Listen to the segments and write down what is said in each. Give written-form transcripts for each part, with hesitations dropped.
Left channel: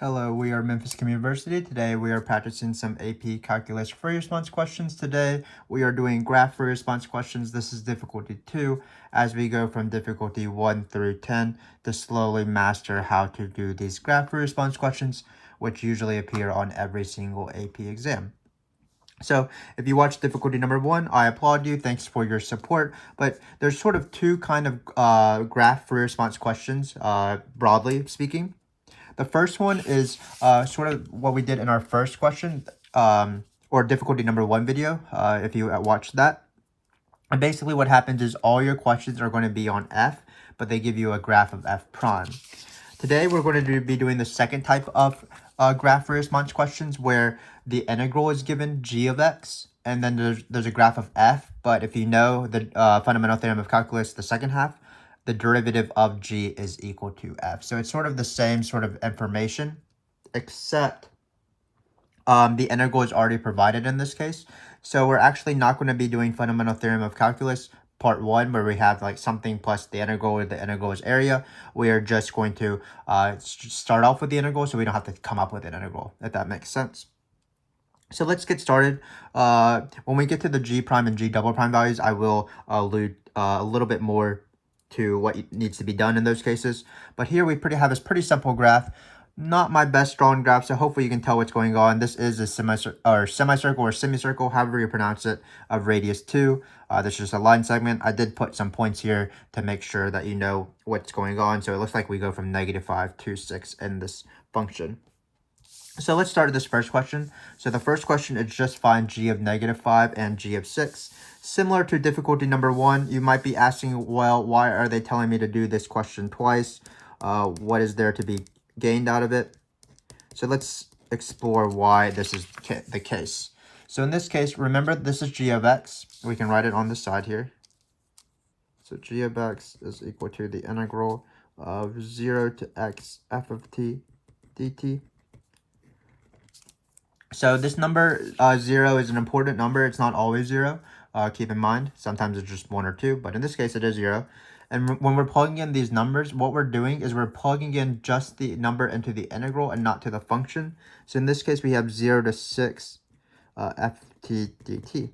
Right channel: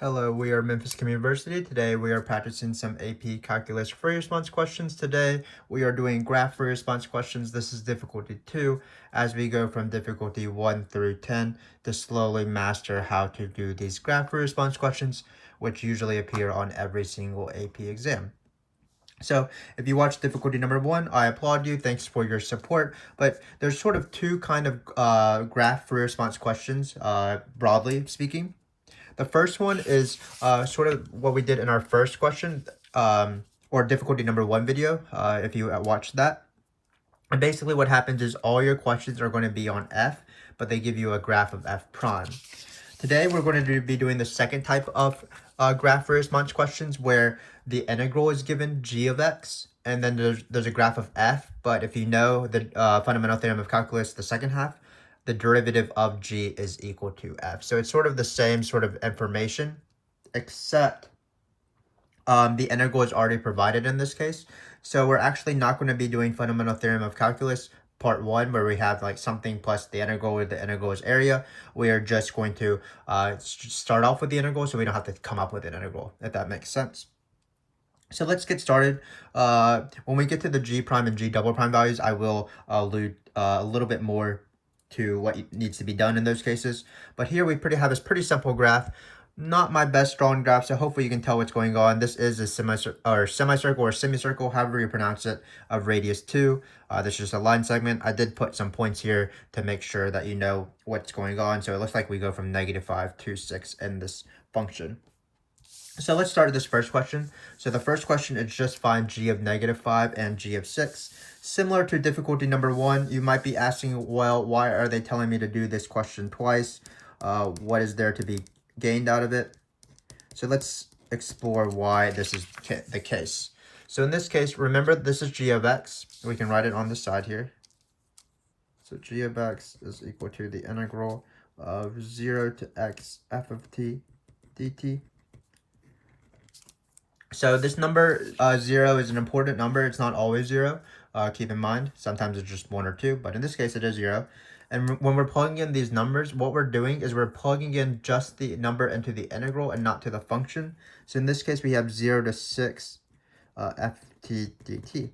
Hello, we are Memphis Communiversity. Today we are practicing some AP Calculus free response questions. Today we are doing graph free response questions. This is difficulty 2 as we go from difficulty 1 through 10 to slowly master how to do these graph free response questions, which usually appear on every single AP exam. So if you watched difficulty number 1, I applaud you. Thanks for your support. But there's sort of two kind of graph free response questions, broadly speaking. The first one is sort of what we did in our first question, or difficulty number 1 video, if you watched that. And basically what happens is all your questions are going to be on F, but they give you a graph of F prime. Today we're going to be doing the second type of graph response questions where the integral is given g of x, and then there's a graph of F, but if you know the fundamental theorem of calculus, the second half, the derivative of g is equal to f. So it's sort of the same sort of information, except the integral is already provided in this case. So we're actually not going to be doing fundamental theorem of calculus part 1, where we have like something plus the integral, where the integral is area. We are just going to start off with the integral, so we don't have to come up with an integral, if that makes sense. So let's get started. When we get to the g prime and g double prime values, I will allude a little bit more to what needs to be done in those cases. But here we have this pretty simple graph. Not my best drawn graph, so hopefully you can tell what's going on. This is a semicircle or semicircle, however you pronounce it, of radius 2. This is just a line segment. I did put some points here to make sure that you know what's going on. So it looks like we go from -5 to 6 in this function. So let's start with this first question. So the first question is just find g of -5 and g of 6. Similar to difficulty number 1, you might be asking, well, why are they telling me to do this question twice? What is there to be gained out of it? So let's explore why this is the case. So in this case, remember this is g of x. We can write it on the side here. So g of x is equal to the integral of 0 to x f of t dt. So this number 0 is an important number. It's not always 0. Keep in mind, sometimes it's just 1 or 2, but in this case it is 0. And when we're plugging in these numbers, what we're doing is we're plugging in just the number into the integral and not to the function. So in this case, we have 0 to 6 ft dt.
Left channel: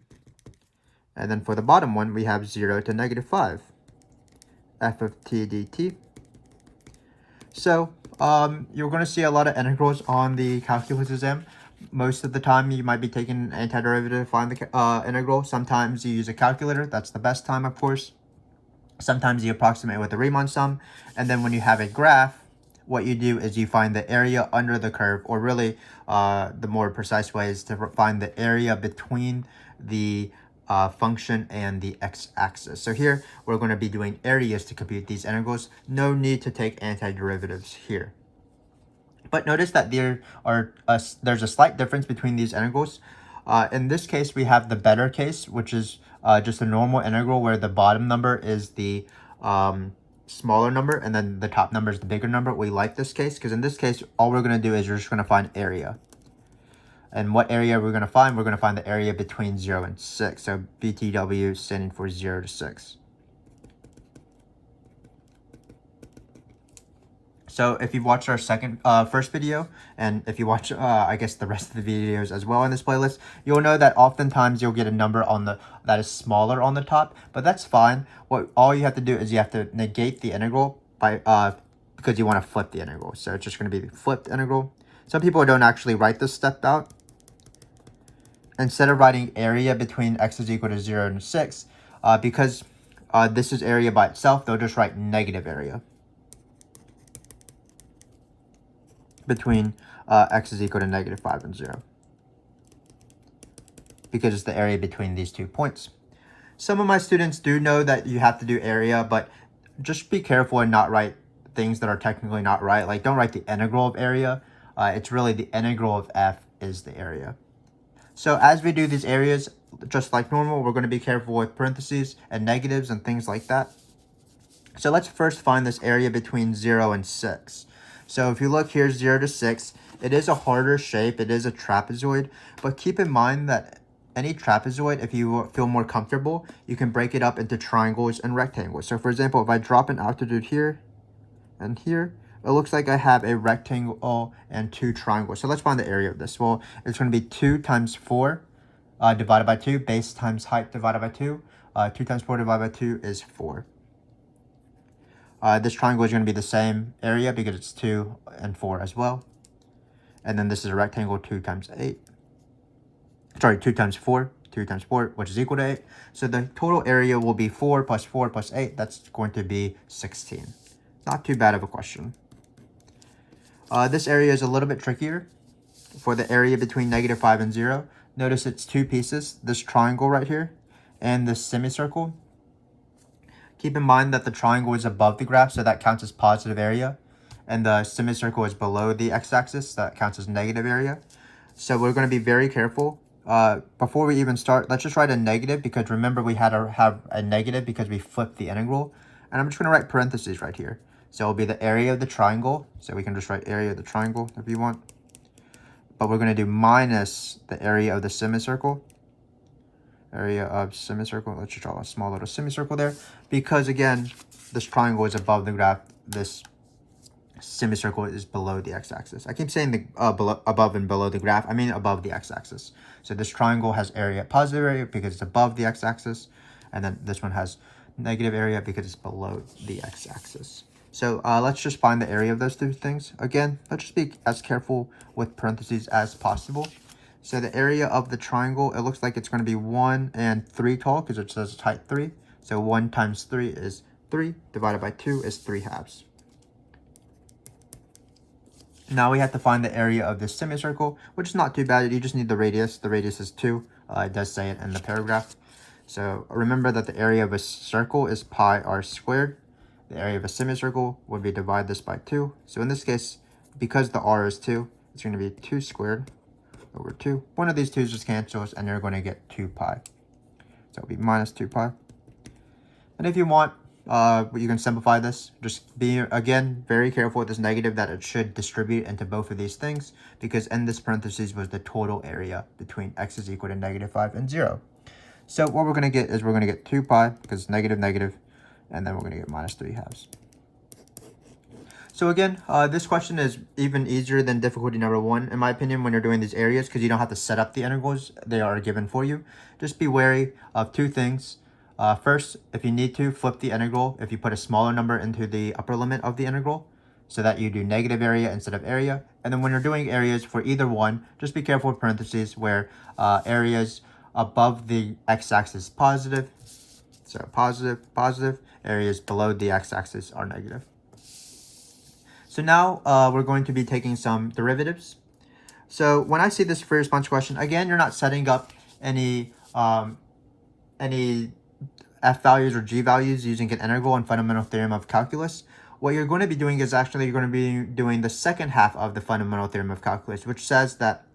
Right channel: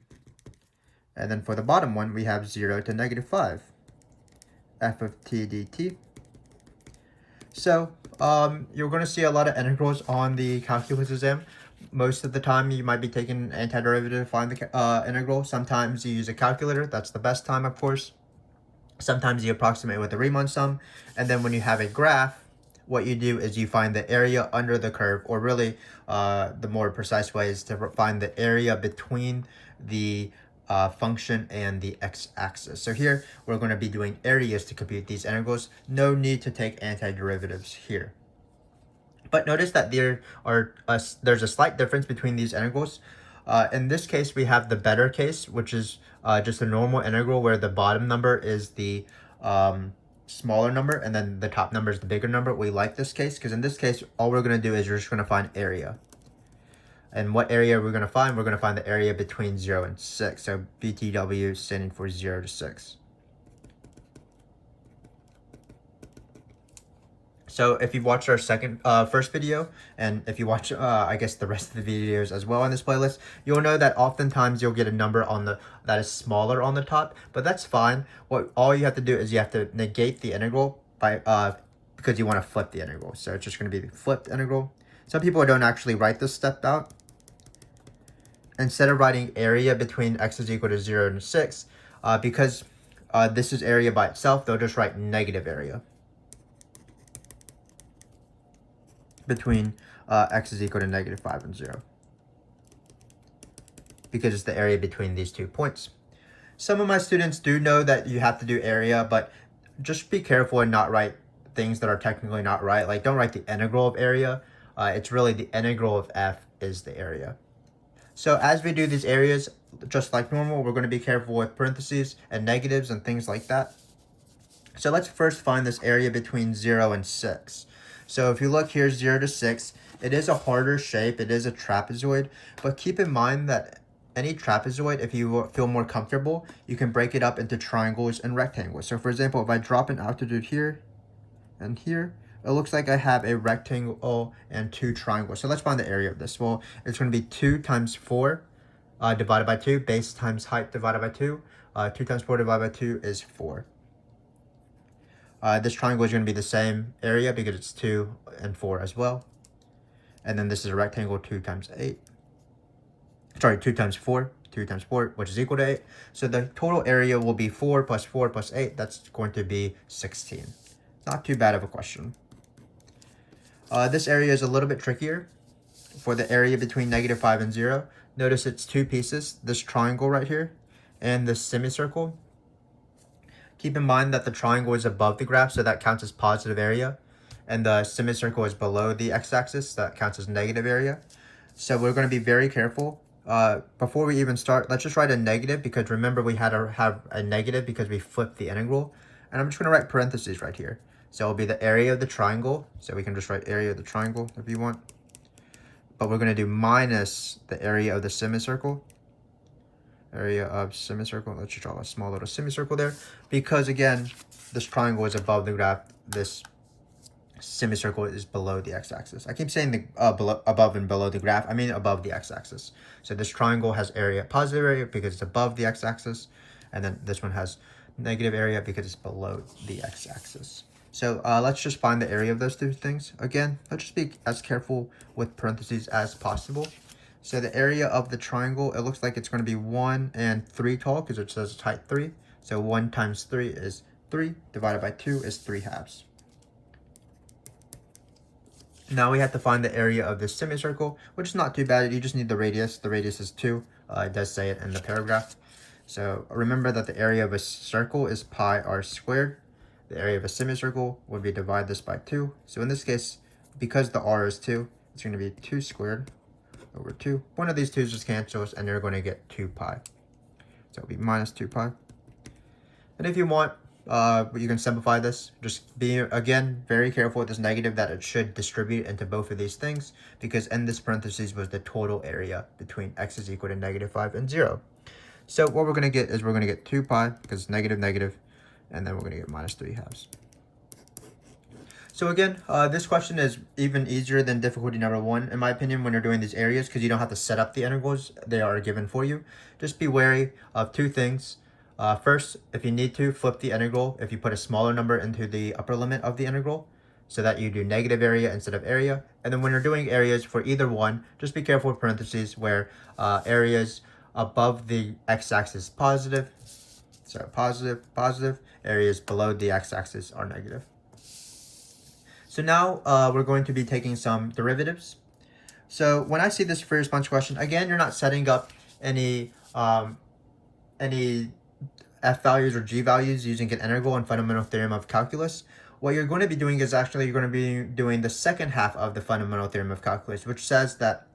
And then for the bottom one, we have 0 to -5 f of t dt. So you're going to see a lot of integrals on the calculus exam. Most of the time, you might be taking an antiderivative to find the integral. Sometimes you use a calculator. That's the best time, of course. Sometimes you approximate with a Riemann sum. And then when you have a graph, what you do is you find the area under the curve, or really the more precise way is to find the area between the function and the x-axis. So here, we're going to be doing areas to compute these integrals. No need to take antiderivatives here. But notice that there's a slight difference between these integrals. In this case, we have the better case, which is just a normal integral where the bottom number is the smaller number and then the top number is the bigger number. We like this case because in this case, all we're going to do is we're just going to find area. And what area we're going to find? We're going to find the area between 0 and 6. So BTW standing for 0 to 6. So if you've watched our first video, and if you watch, I guess the rest of the videos as well in this playlist, you'll know that oftentimes you'll get a number that is smaller on the top, but that's fine. All you have to do is you have to negate the integral because you want to flip the integral. So it's just going to be the flipped integral. Some people don't actually write this step out. Instead of writing area between x is equal to 0 and 6, because this is area by itself, they'll just write negative area between x is equal to -5 and 0, because it's the area between these 2 points. Some of my students do know that you have to do area, but just be careful and not write things that are technically not right. Like, don't write the integral of area. It's really the integral of f is the area. So as we do these areas, just like normal, we're going to be careful with parentheses and negatives and things like that. So let's first find this area between 0 and 6. So if you look here, 0 to 6, it is a harder shape. It is a trapezoid. But keep in mind that any trapezoid, if you feel more comfortable, you can break it up into triangles and rectangles. So for example, if I drop an altitude here and here, it looks like I have a rectangle and 2 triangles. So let's find the area of this. Well, it's going to be 2 times 4 divided by 2, base times height divided by 2. 2 times 4 divided by 2 is 4. This triangle is going to be the same area because it's 2 and 4 as well. And then this is a rectangle, 2 times 8. Sorry, 2 times 4. 2 times 4, which is equal to 8. So the total area will be 4 plus 4 plus 8. That's going to be 16. Not too bad of a question. This area is a little bit trickier. For the area between -5 and 0, notice it's 2 pieces, this triangle right here and this semicircle. Keep in mind that the triangle is above the graph, so that counts as positive area. And the semicircle is below the x-axis, so that counts as negative area. So we're going to be very careful. Before we even start, let's just write a negative, because remember we had to have a negative because we flipped the integral. And I'm just going to write parentheses right here. So it'll be the area of the triangle. So we can just write area of the triangle if you want. But we're going to do minus the area of the semicircle. Area of semicircle. Let's just draw a small little semicircle there. Because again, this triangle is above the graph. This semicircle is below the x-axis. I keep saying the above and below the graph. I mean above the x-axis. So this triangle has area, positive area, because it's above the x-axis, and then this one has negative area because it's below the x-axis. So let's just find the area of those two things. Again, let's just be as careful with parentheses as possible. So the area of the triangle, it looks like it's going to be 1 and 3 tall because it says it's height 3. So 1 times 3 is 3, divided by 2 is 3/2. Now we have to find the area of this semicircle, which is not too bad. You just need the radius. The radius is 2. It does say it in the paragraph. So remember that the area of a circle is pi r squared. The area of a semicircle would be divide this by 2. So in this case, because the r is 2, it's going to be 2 squared over 2. One of these 2's just cancels, and you're going to get 2 pi. So it'll be minus 2 pi. And if you want, you can simplify this. Just be, again, very careful with this negative that it should distribute into both of these things, because in this parentheses was the total area between x is equal to -5 and 0. So what we're going to get is we're going to get 2 pi, because it's negative, negative, and then we're going to get minus 3/2. So again, this question is even easier than difficulty number 1, in my opinion, when you're doing these areas, because you don't have to set up the integrals. They are given for you. Just be wary of 2 things. First, if you need to, flip the integral if you put a smaller number into the upper limit of the integral, so that you do negative area instead of area. And then when you're doing areas for either one, just be careful with parentheses where areas above the x-axis positive, so positive, positive, areas below the x-axis are negative. So now we're going to be taking some derivatives. So when I see this free response question, again, you're not setting up any f values or g values using an integral and fundamental theorem of calculus. What you're going to be doing is actually you're going to be doing the second half of the fundamental theorem of calculus, which says that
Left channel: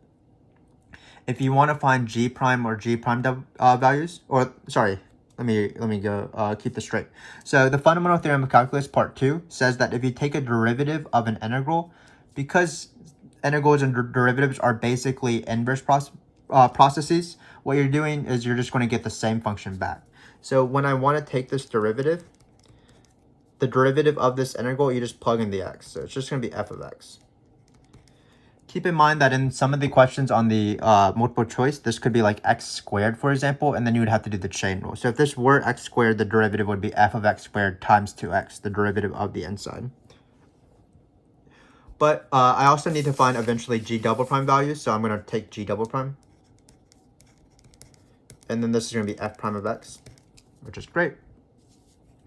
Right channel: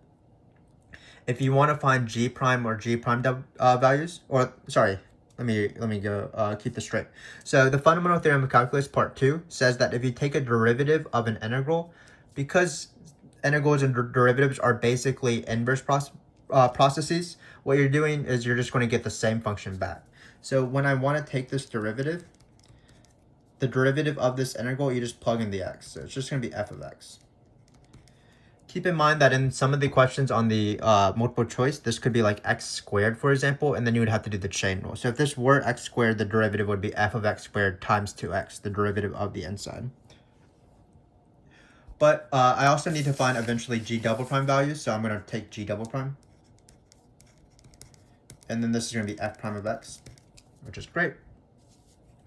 if you want to find g prime or g prime values, or sorry, let me go keep this straight. So the fundamental theorem of calculus part 2 says that if you take a derivative of an integral, because integrals and derivatives are basically inverse processes, what you're doing is you're just going to get the same function back. So when I want to take this derivative, the derivative of this integral, you just plug in the x. So it's just going to be f of x. Keep in mind that in some of the questions on the multiple choice, this could be like x squared, for example, and then you would have to do the chain rule. So if this were x squared, the derivative would be f of x squared times 2x, the derivative of the inside. But I also need to find eventually g double prime values, so I'm going to take g double prime. And then this is going to be f prime of x, which is great.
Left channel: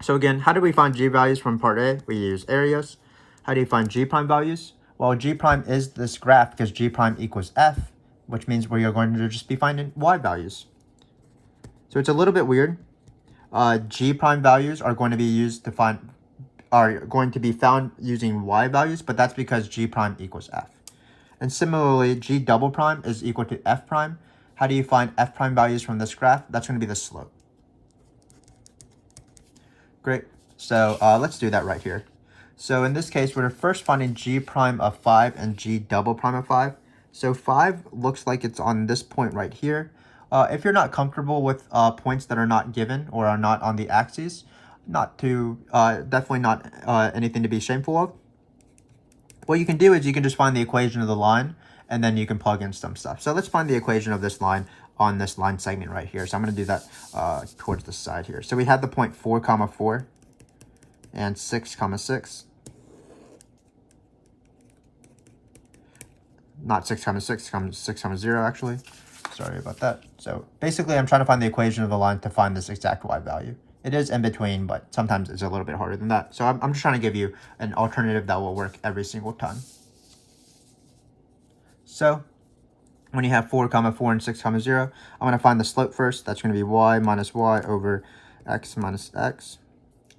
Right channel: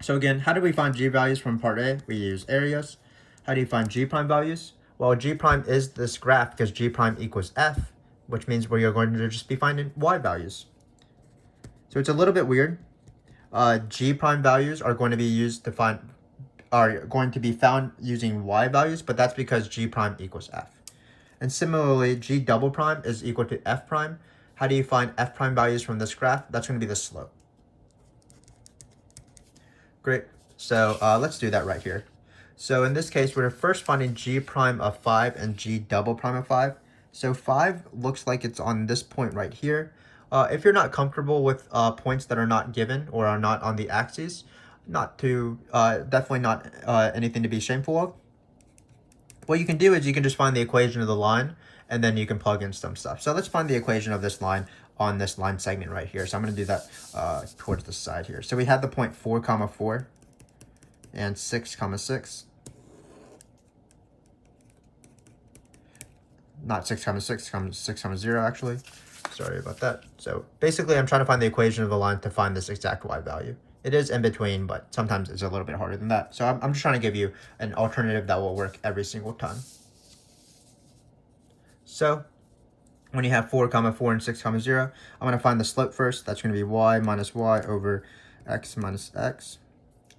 So again, how do we find g values from part A? We use areas. How do you find g prime values? Well, g prime is this graph because g prime equals f, which means we are going to just be finding y values. So it's a little bit weird. G prime values are going to be used to find, are going to be found using y values, but that's because g prime equals f. And similarly, g double prime is equal to f prime. How do you find f prime values from this graph? That's going to be the slope. Great. So let's do that right here. So in this case, we're first finding g prime of 5 and g double prime of 5. So 5 looks like it's on this point right here. If you're not comfortable with points that are not given or are not on the axes, definitely not anything to be shameful of. what you can do is you can just find the equation of the line, and then you can plug in some stuff. So let's find the equation of this line on this line segment right here. So I'm going to do that towards the side here. So we had the point 4, 4 and 6, 6. Not 6, 6, 6, 0 actually. Sorry about that. So basically I'm trying to find the equation of the line to find this exact y value. It is in between, but sometimes it's a little bit harder than that. So I'm just trying to give you an alternative that will work every single time. So when you have 4, 4 and 6, 0, I'm going to find the slope first. That's going to be y minus y over x minus x.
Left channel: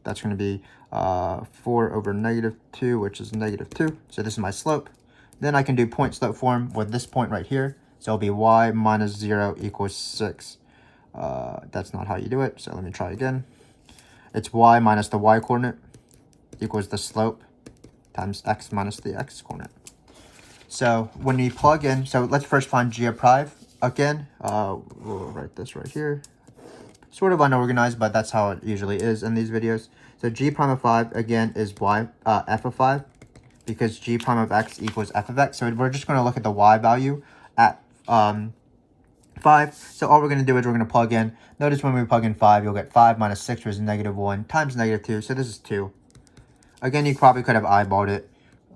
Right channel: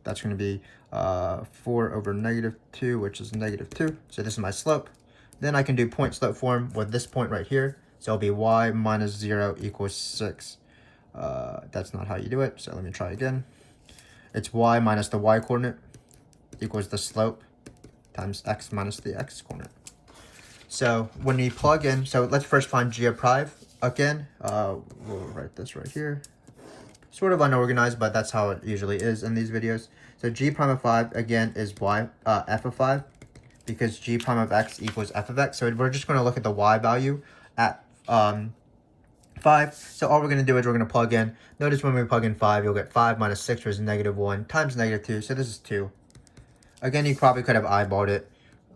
That's going to be 4 over -2, which is -2. So this is my slope. Then I can do point slope form with this point right here. So it'll be y minus 0 equals 6. That's not how you do it. So let me try again. It's y minus the y coordinate equals the slope times x minus the x coordinate. So when we plug in, so let's first find g of prime. Again, we'll write this right here. Sort of unorganized, but that's how it usually is in these videos. So g prime of 5, again, is f of 5, because g prime of x equals f of x. So we're just going to look at the y value at 5. So all we're going to do is we're going to plug in. Notice when we plug in 5, you'll get 5 minus 6, which is -1, times -2. So this is 2. Again, you probably could have eyeballed it.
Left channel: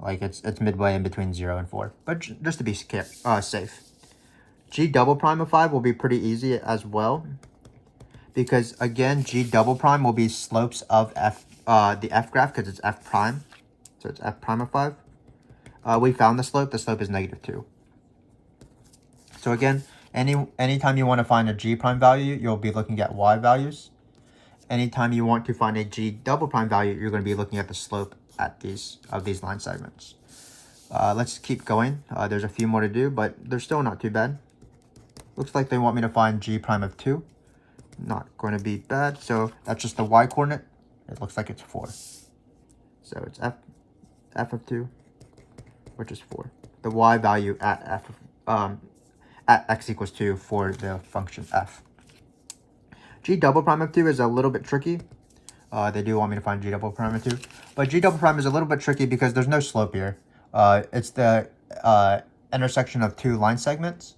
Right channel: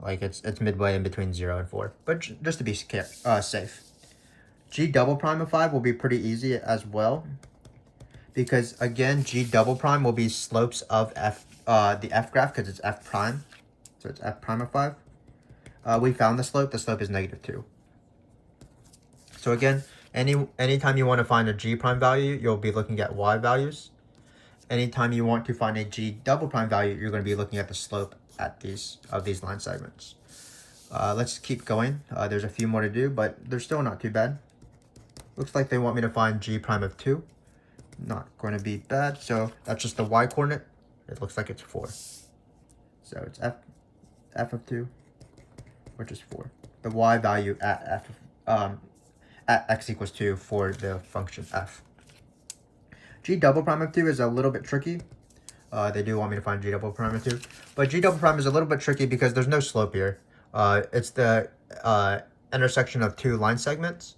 Like it's midway in between 0 and 4. But just to be safe. G double prime of 5 will be pretty easy as well. Because again, G double prime will be slopes of the f graph, because it's f prime. So it's f prime of 5. We found the slope. The slope is -2. So again, anytime you want to find a g prime value, you'll be looking at y values. Anytime you want to find a g double prime value, you're going to be looking at the slope at these line segments. Let's keep going. There's a few more to do, but they're still not too bad. Looks like they want me to find g prime of 2. Not going to be bad. So that's just the y coordinate. It looks like it's 4. So it's f of 2, which is 4. The y value at at x equals 2 for the function f. G double prime of 2 is a little bit tricky. They do want me to find g double prime of 2. But g double prime is a little bit tricky because there's no slope here. It's the intersection of 2 line segments.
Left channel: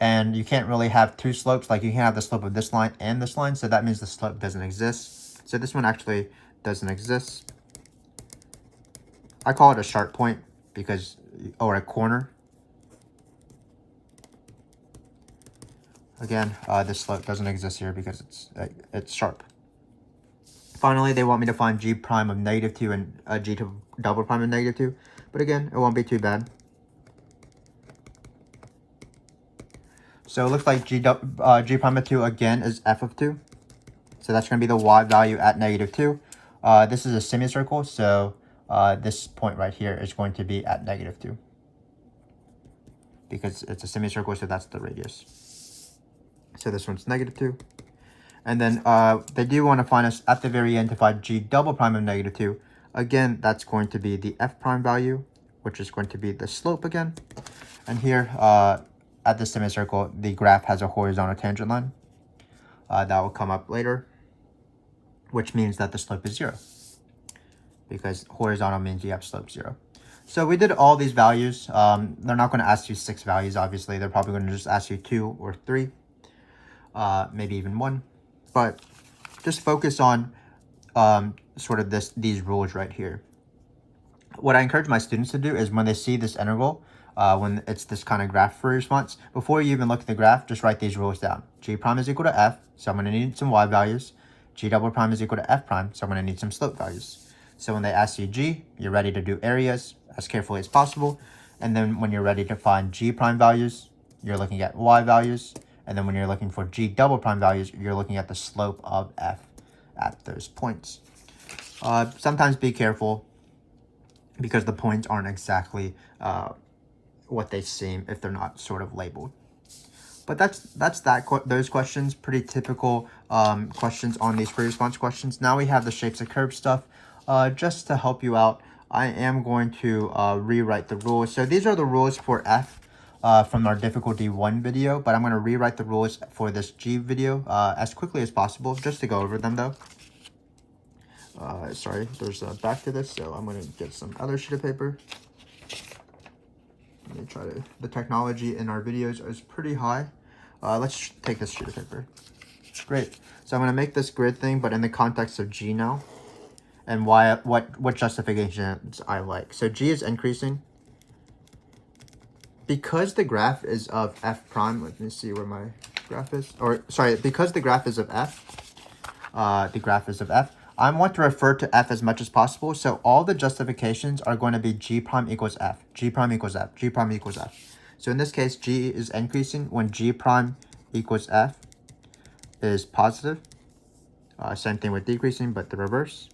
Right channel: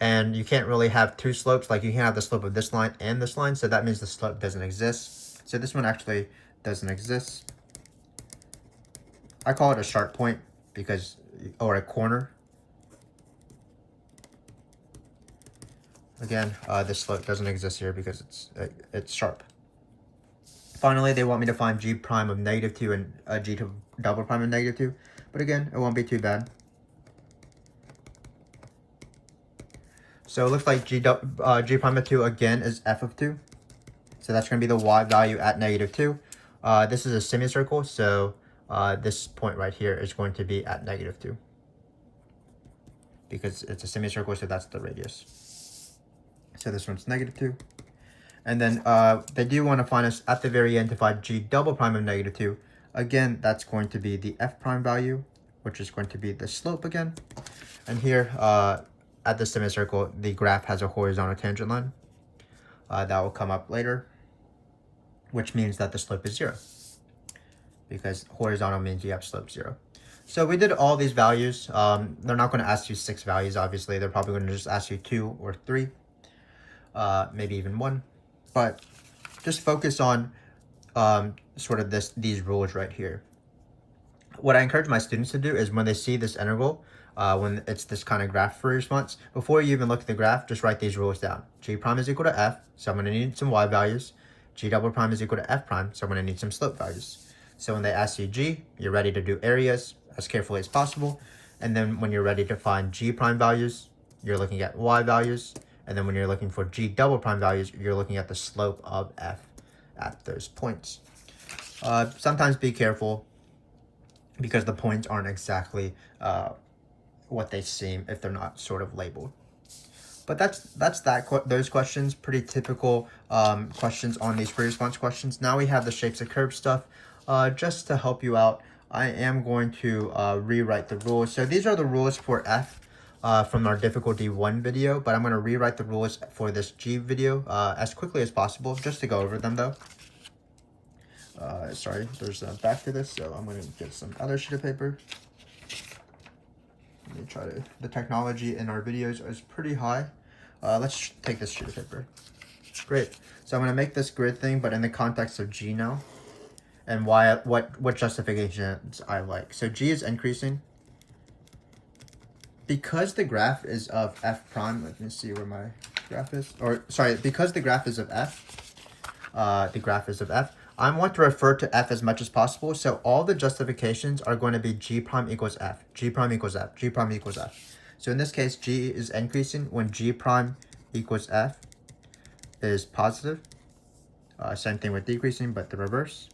And you can't really have 2 slopes. Like you can have the slope of this line and this line. So that means the slope doesn't exist. So this one actually doesn't exist. I call it a sharp point because, or a corner. Again, this slope doesn't exist here because it's sharp. Finally, they want me to find g prime of -2 and g double prime of -2. But again, it won't be too bad. So it looks like g prime of 2 again is f of 2. So that's going to be the y value at -2. This is a semicircle, so this point right here is going to be at -2. Because it's a semicircle, so that's the radius. So this one's -2. And then they do want to find us at the very end to find g double prime of -2. Again, that's going to be the f prime value, which is going to be the slope again. And here, at the semicircle, the graph has a horizontal tangent line. That will come up later, which means that the slope is 0. Because horizontal means you have slope 0. So we did all these values. They're not going to ask you 6 values, obviously. They're probably going to just ask you 2 or 3, maybe even 1. But just focus on sort of these rules right here. What I encourage my students to do is when they see this integral, when it's this kind of graph for response, before you even look at the graph, just write these rules down. G prime is equal to f, so I'm going to need some y values. G double prime is equal to f prime, so I'm going to need some slope values. So when they ask you g, you're ready to do areas as carefully as possible. And then when you're ready to find g prime values, you're looking at y values. And then when you're looking for g double prime values, you're looking at the slope of f at those points. Sometimes be careful because the points aren't exactly what they seem if they're not sort of labeled. But those questions, pretty typical questions on these free response questions. Now we have the shapes of curves stuff. Just to help you out, I am going to rewrite the rules. So these are the rules for f from our difficulty 1 video, but I'm going to rewrite the rules for this g video as quickly as possible, just to go over them though. Sorry, there's a back to this, so I'm going to get some other sheet of paper. Let me try to, the technology in our videos is pretty high. Let's take this sheet of paper. Great. So I'm going to make this grid thing, but in the context of G now. And what justifications I like. So G is increasing. Because the graph is of f prime, let me see where my graph is. Or, sorry, because the graph is of f, I want to refer to f as much as possible. So all the justifications are going to be G prime equals f, G prime equals f, G prime equals f. So in this case, G is increasing when G prime equals f is positive. Same thing with decreasing, but the reverse.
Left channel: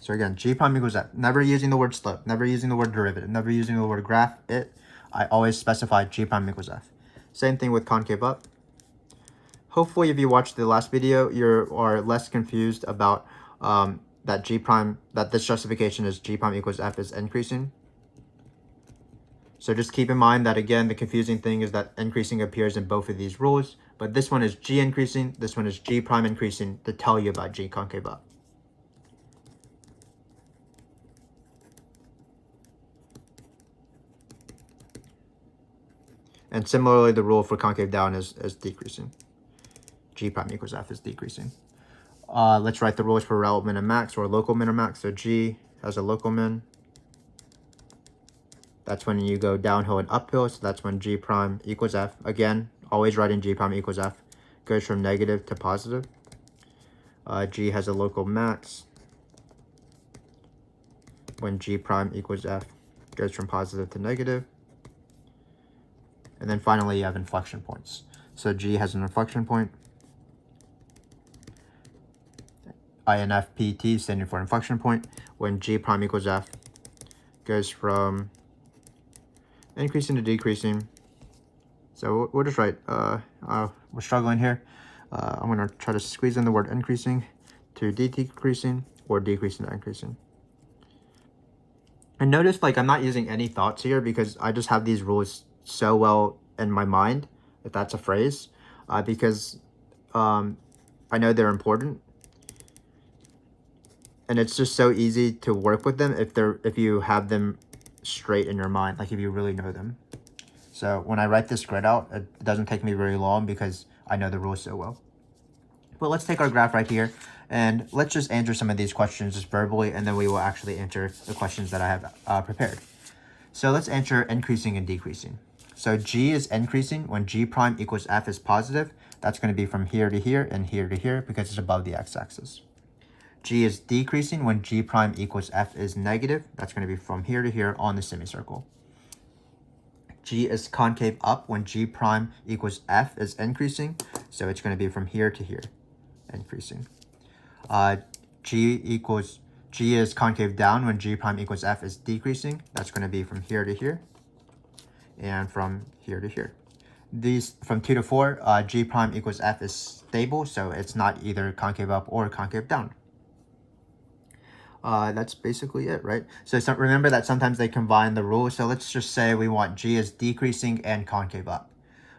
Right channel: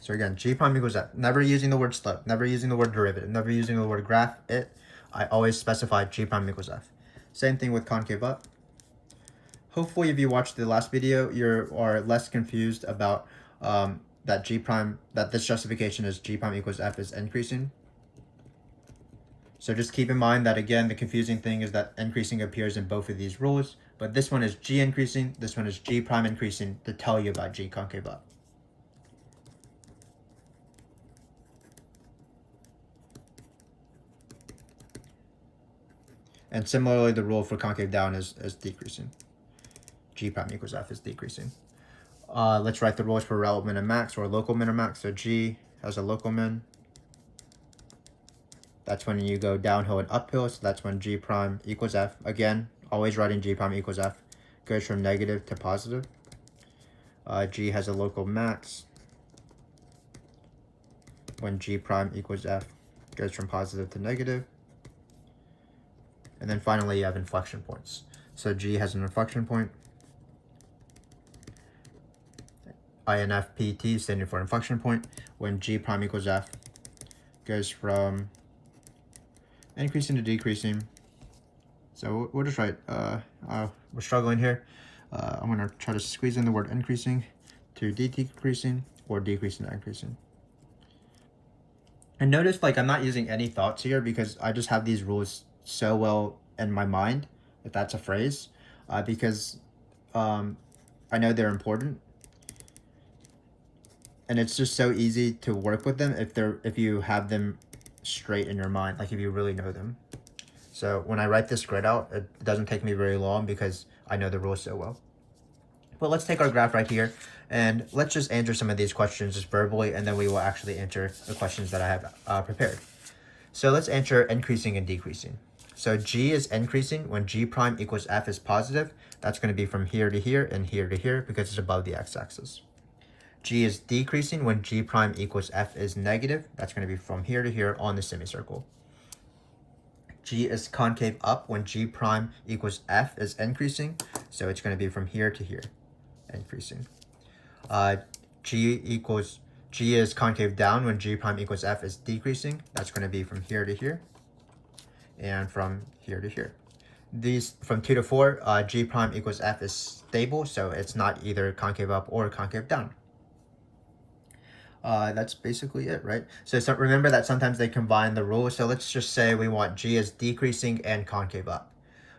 So again, G prime equals f. Never using the word slope, never using the word derivative, never using the word graph, I always specify G prime equals f. Same thing with concave up. Hopefully, if you watched the last video, you are less confused about that this justification is G prime equals f is increasing. So just keep in mind that, again, the confusing thing is that increasing appears in both of these rules, but this one is G increasing, this one is G prime increasing to tell you about G concave up. And similarly, the rule for concave down is decreasing. G prime equals f is decreasing. Let's write the rules for relative min and max, or local min or max. So G has a local min. That's when you go downhill and uphill, so that's when G prime equals f. Again, always writing G prime equals f. Goes from negative to positive. G has a local max when G prime equals f. Goes from positive to negative. And then finally, you have inflection points. So G has an inflection point. INFPT standing for inflection point. When G prime equals f, goes from increasing to decreasing. So we'll just write, we're struggling here. I'm going to try to squeeze in the word increasing to decreasing, or decreasing to increasing. And notice, like, I'm not using any thoughts here because I just have these rules so well in my mind, if that's a phrase, because I know they're important, and it's just so easy to work with them if you have them straight in your mind, like if you really know them. So when I write this grid out, it doesn't take me very long because I know the rules so well. But let's take our graph right here, and let's just answer some of these questions just verbally, and then we will actually answer the questions that I have prepared. So let's answer increasing and decreasing. So G is increasing when G prime equals f is positive. That's going to be from here to here and here to here because it's above the x-axis. G is decreasing when G prime equals f is negative. That's going to be from here to here on the semicircle. G is concave up when G prime equals f is increasing. So it's going to be from here to here, increasing. G is concave down when G prime equals f is decreasing. That's going to be from here to here and from here to here. These from 2 to 4, G prime equals f is stable, so it's not either concave up or concave down. That's basically it, right? So remember that sometimes they combine the rules. So let's just say we want G is decreasing and concave up.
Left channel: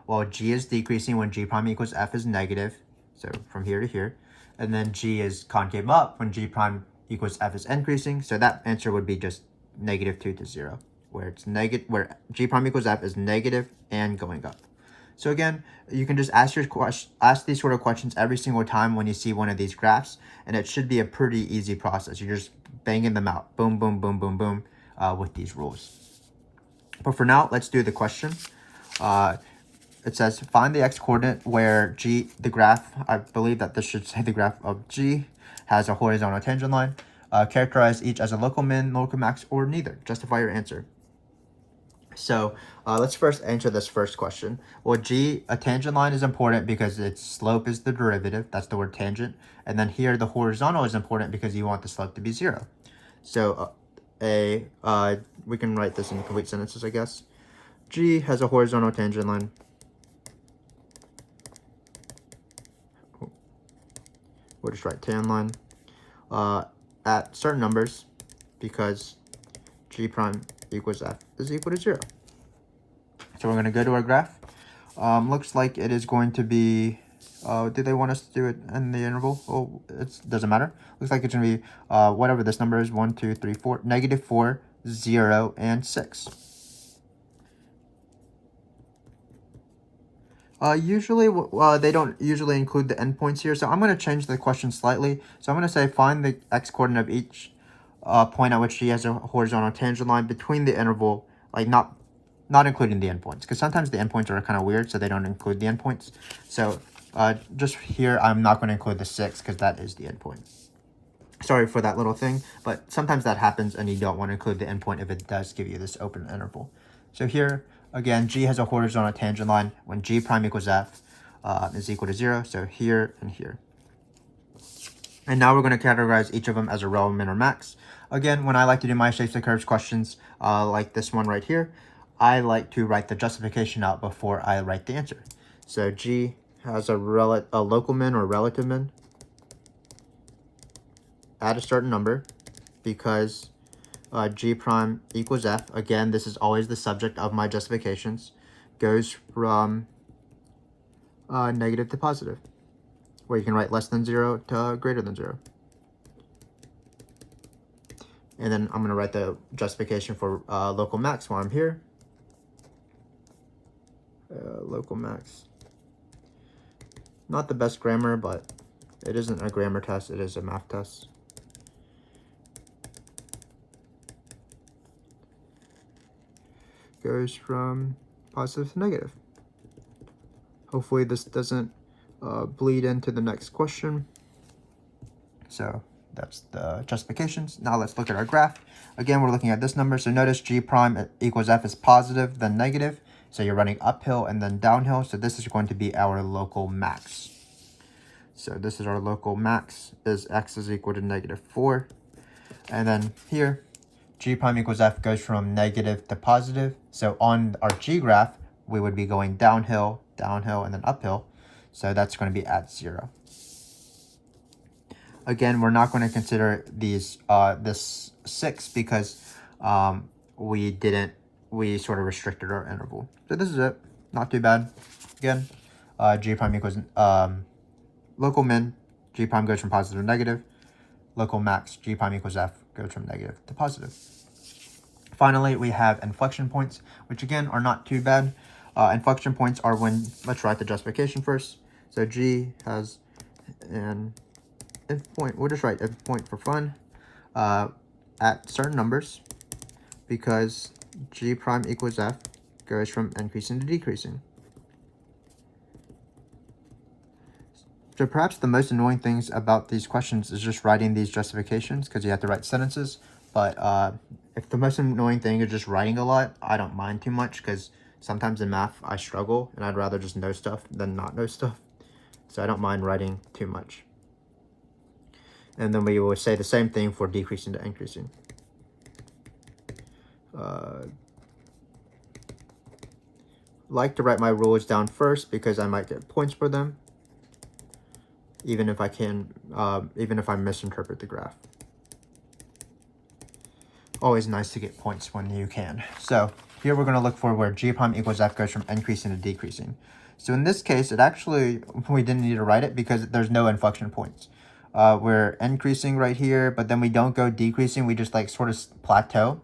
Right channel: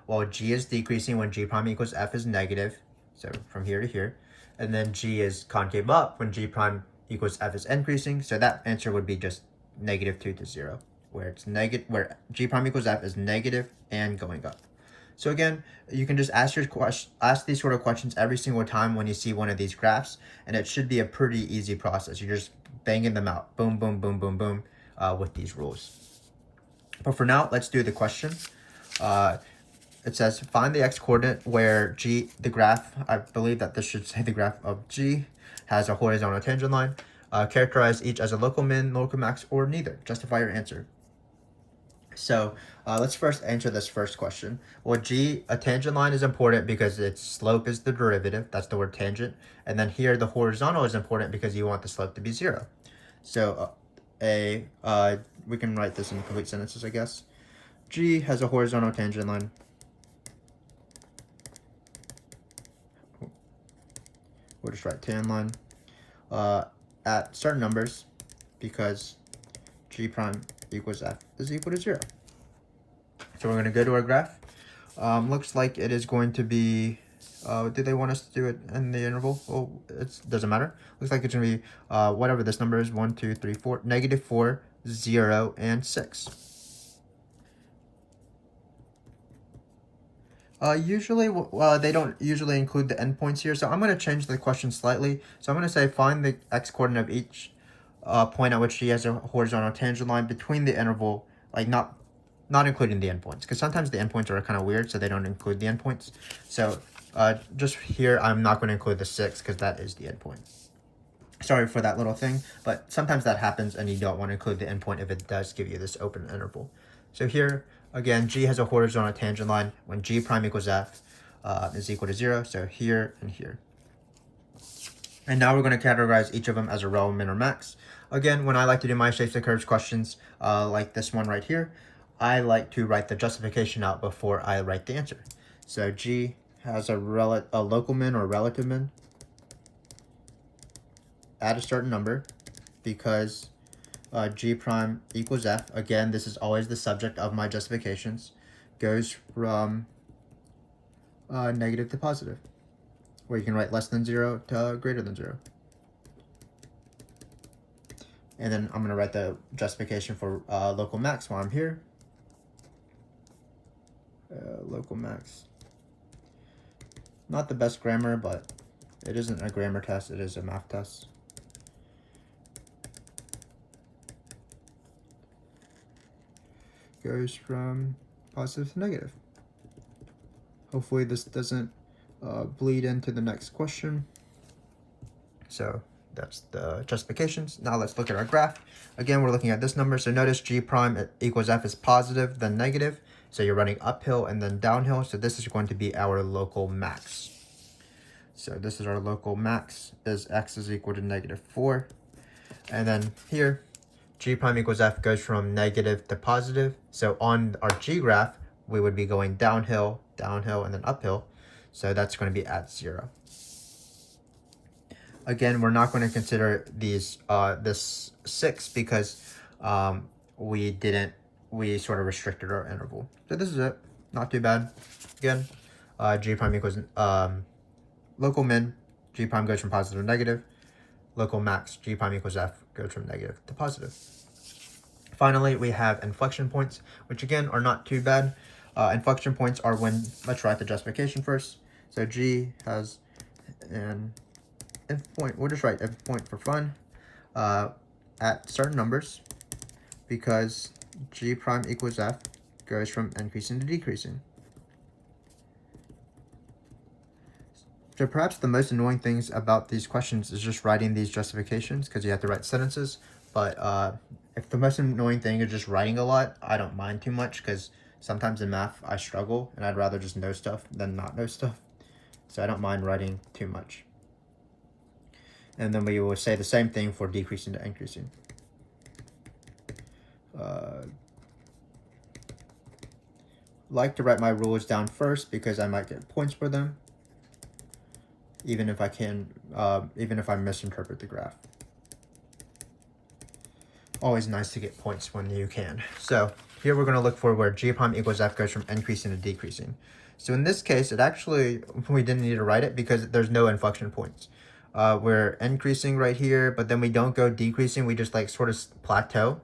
Well, G is decreasing when G prime equals f is negative, so from here to here. And then G is concave up when G prime equals f is increasing. So that answer would be just -2 to 0, where it's negative, where G prime equals f is negative and going up. So again, you can just ask these sort of questions every single time when you see one of these graphs, and it should be a pretty easy process. You're just banging them out, boom, boom, boom, boom, boom, with these rules. But for now, let's do the question. It says, find the x-coordinate where the graph, I believe that this should say the graph of G, has a horizontal tangent line. Characterize each as a local min, local max, or neither. Justify your answer. So let's first answer this first question. Well, a tangent line is important because its slope is the derivative. That's the word tangent. And then here, the horizontal is important because you want the slope to be 0. So we can write this in complete sentences, I guess. G has a horizontal tangent line. We'll just write tan line at certain numbers because G prime equals f is equal to 0. So we're going to go to our graph. Looks like it is going to be Do they want us to do it in the interval? Oh, it doesn't matter. Looks like it's going to be whatever this number is, 1, 2, 3, 4, -4, 0, and 6. Usually, they don't usually include the endpoints here, so I'm going to change the question slightly. So I'm going to say find the x-coordinate of each point at which G has a horizontal tangent line between the interval, like not including the endpoints, because sometimes the endpoints are kind of weird, so they don't include the endpoints. So just here, I'm not going to include the 6 because that is the endpoint. Sorry for that little thing, but sometimes that happens and you don't want to include the endpoint if it does give you this open interval. So here, again, G has a horizontal tangent line when G prime equals F is equal to 0. So here and here. And now we're going to categorize each of them as a rel, min, or max. Again, when I like to do my shapes of curves questions, like this one right here, I like to write the justification out before I write the answer. So G has a local min or relative min at a certain number because G prime equals F. Again, this is always the subject of my justifications. Goes from negative to positive, where you can write less than 0 to greater than 0. And then I'm going to write the justification for local max while I'm here. Local max. Not the best grammar, but it isn't a grammar test, it is a math test. Goes from positive to negative. Hopefully this doesn't bleed into the next question. So that's the justifications. Now let's look at our graph. Again, we're looking at this number. So notice G prime equals F is positive, then negative. So you're running uphill and then downhill. So this is going to be our local max. So this is our local max, is x is equal to -4. And then here, G prime equals F goes from negative to positive. So on our G graph, we would be going downhill, downhill, and then uphill. So that's going to be at 0. Again, we're not going to consider these this 6 because we sort of restricted our interval. So this is it. Not too bad. Again, G prime equals local min, G prime goes from positive to negative. Local max, G prime equals F, goes from negative to positive. Finally, we have inflection points, which again are not too bad. Inflection points are when, let's write the justification first. So G has an if point, we'll just write if point for fun, at certain numbers, because G prime equals F goes from increasing to decreasing. So perhaps the most annoying things about these questions is just writing these justifications because you have to write sentences. But if the most annoying thing is just writing a lot, I don't mind too much because sometimes in math I struggle and I'd rather just know stuff than not know stuff. So I don't mind writing too much. And then we will say the same thing for decreasing to increasing. Like to write my rules down first because I might get points for them, even if I misinterpret the graph. Always nice to get points when you can. So here we're going to look for where G prime equals F goes from increasing to decreasing. So in this case, we didn't need to write it because there's no inflection points. We're increasing right here, but then we don't go decreasing. We just like sort of plateau.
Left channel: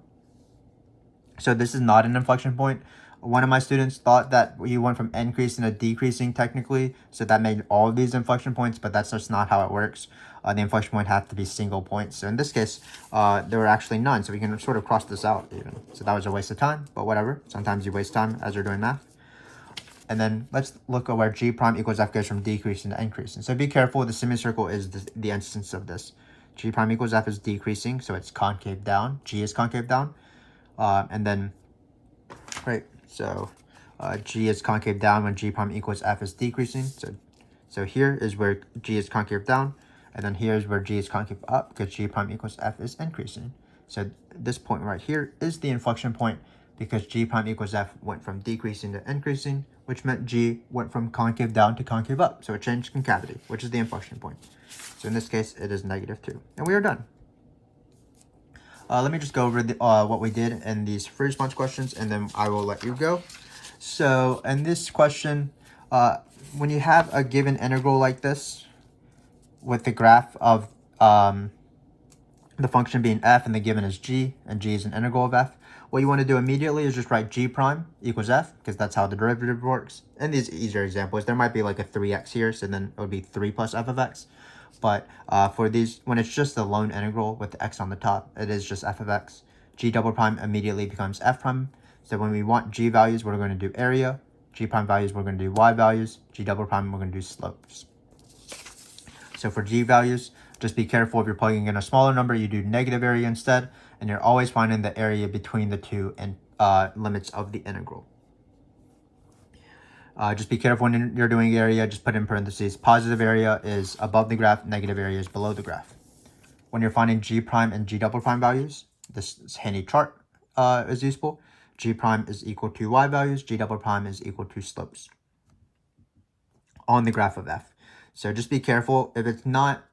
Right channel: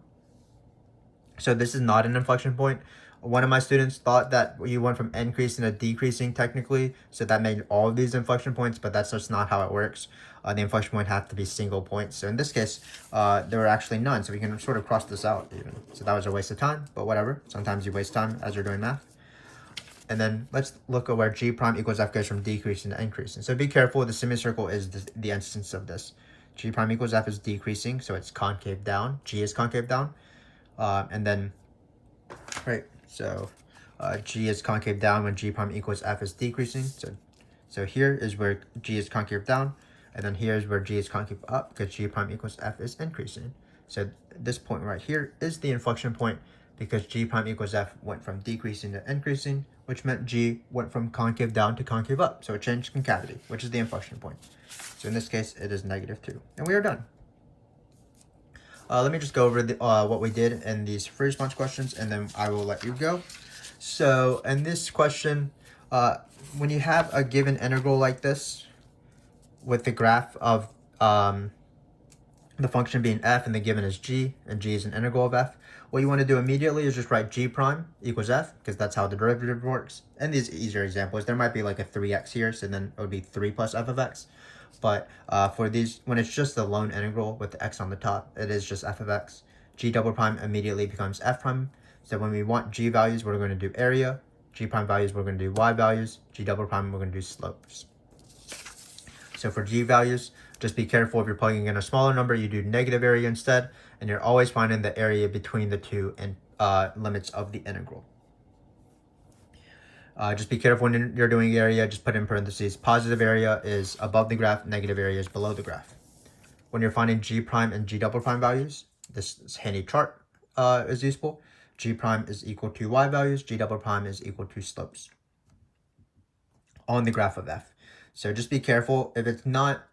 So this is not an inflection point. One of my students thought that you went from increasing to decreasing technically, so that made all of these inflection points, but that's just not how it works. The inflection point has to be single points. So in this case, there were actually none, so we can sort of cross this out even. So that was a waste of time, but whatever. Sometimes you waste time as you're doing math. And then let's look at where G prime equals F goes from decreasing to increasing. So be careful, the semicircle is the instance of this. G prime equals F is decreasing, so it's concave down. G is concave down. And then, right, so G is concave down when G prime equals F is decreasing. So here is where G is concave down, and then here is where G is concave up because G prime equals F is increasing. So this point right here is the inflection point because G prime equals F went from decreasing to increasing, which meant G went from concave down to concave up. So it changed concavity, which is the inflection point. So in this case, it is -2. And we are done. Let me just go over what we did in these free response questions, and then I will let you go. So in this question, When you have a given integral like this, with the graph of the function being f and the given is g, and g is an integral of f, what you want to do immediately is just write g prime equals f, because that's how the derivative works. In these easier examples, there might be like a 3x here, so then it would be 3 plus f of x. But for these, when it's just the lone integral with the x on the top, it is just f of x. G double prime immediately becomes f prime. So when we want g values, we're going to do area. G prime values, we're going to do y values. G double prime, we're going to do slopes. So for g values, just be careful if you're plugging in a smaller number, you do negative area instead, and you're always finding the area between the two and limits of the integral. Just be careful when you're doing area, just put in parentheses. Positive area is above the graph, negative area is below the graph. When you're finding g prime and g double prime values, this handy chart is useful. G prime is equal to y values, g double prime is equal to slopes on the graph of f. So just be careful. If it's not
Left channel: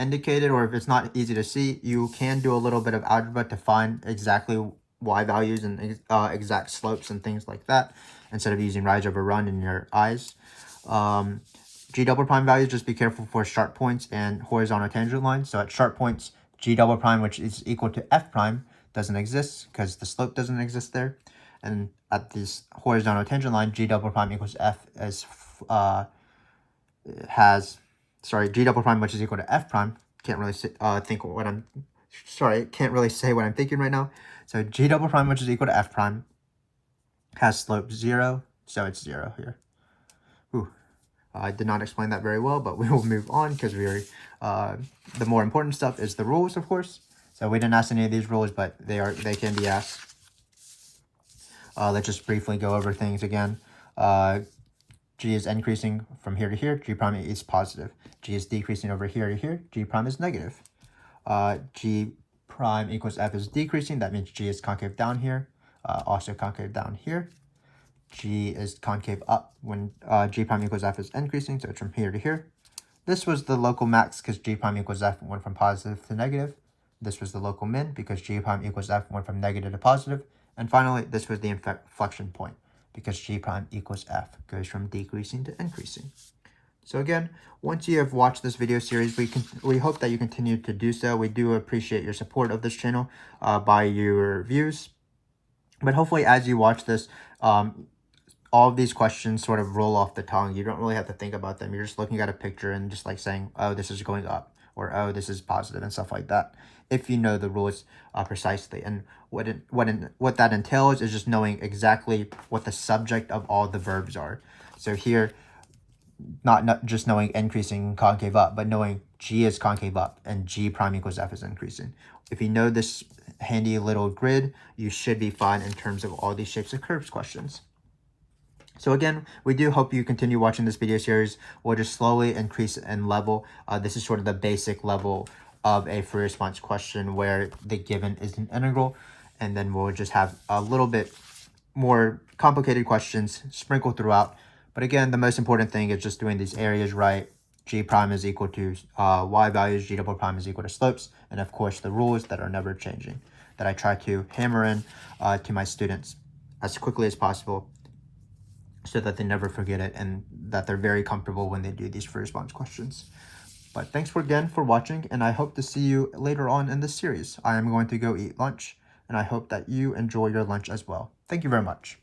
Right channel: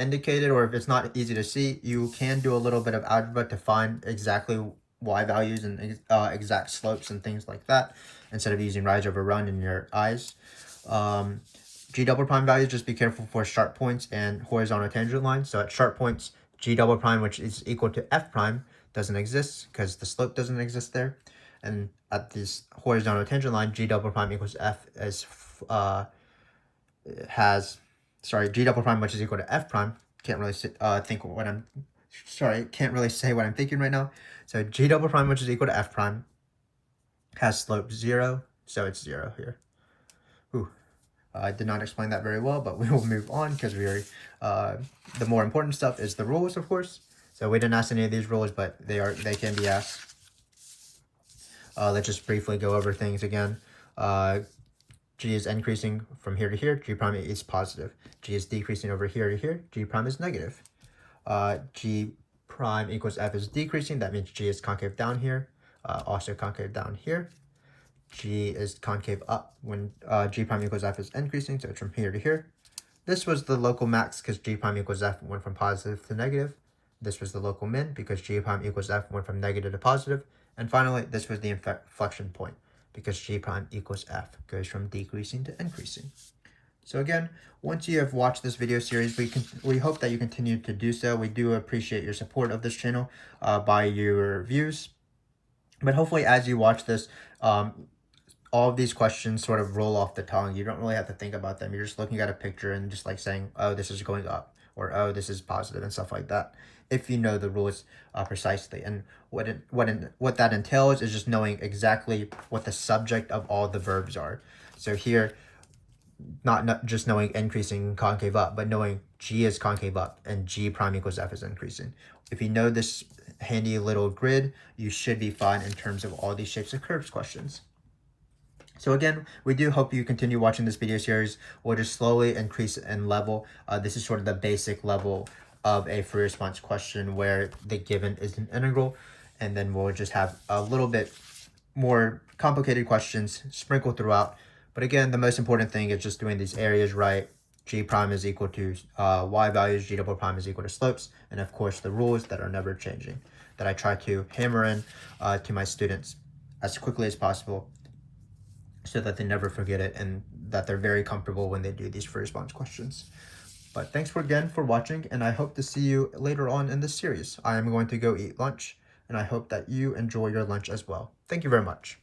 indicated or if it's not easy to see, you can do a little bit of algebra to find exactly y values and exact slopes and things like that, instead of using rise over run in your eyes. G double prime values, just be careful for sharp points and horizontal tangent lines. So at sharp points, g double prime, which is equal to f prime, doesn't exist because the slope doesn't exist there. And at this horizontal tangent line, g double prime equals f as g double prime, which is equal to f prime. Can't really can't really say what I'm thinking right now. So g double prime, which is equal to f prime, has slope 0, so it's 0 here. I did not explain that very well, but we will move on because the more important stuff is the rules, of course. So we didn't ask any of these rules, but they can be asked. Let's just briefly go over things again. G is increasing from here to here, g prime is positive. G is decreasing over here to here, g prime is negative. G prime equals f is decreasing, that means g is concave down here, also concave down here. G is concave up when g prime equals f is increasing, so it's from here to here. This was the local max because g prime equals f went from positive to negative. This was the local min because g prime equals f went from negative to positive. And finally, this was the inflection point because g prime equals f goes from decreasing to increasing. So again, once you have watched this video series, we hope that you continue to do so. We do appreciate your support of this channel by your views. But hopefully as you watch this, all of these questions sort of roll off the tongue. You don't really have to think about them. You're just looking at a picture and just like saying, oh, this is going up, or oh, this is positive, and stuff like that, if you know the rules precisely. And what that entails is just knowing exactly what the subject of all the verbs are. So here, not just knowing increasing concave up, but knowing g is concave up and g prime equals f is increasing. If you know this handy little grid, you should be fine in terms of all these shapes of curves questions. So again, we do hope you continue watching this video series. We'll just slowly increase in level. This is sort of the basic level of a free response question where the given is an integral, and then we'll just have a little bit more complicated questions sprinkled throughout. But again, the most important thing is just doing these areas right. G prime is equal to y values, g double prime is equal to slopes, and of course the rules that are never changing, that I try to hammer in to my students as quickly as possible, so that they never forget it and that they're very comfortable when they do these free response questions. But thanks again for watching, and I hope to see you later on in this series. I am going to go eat lunch, and I hope that you enjoy your lunch as well. Thank you very much.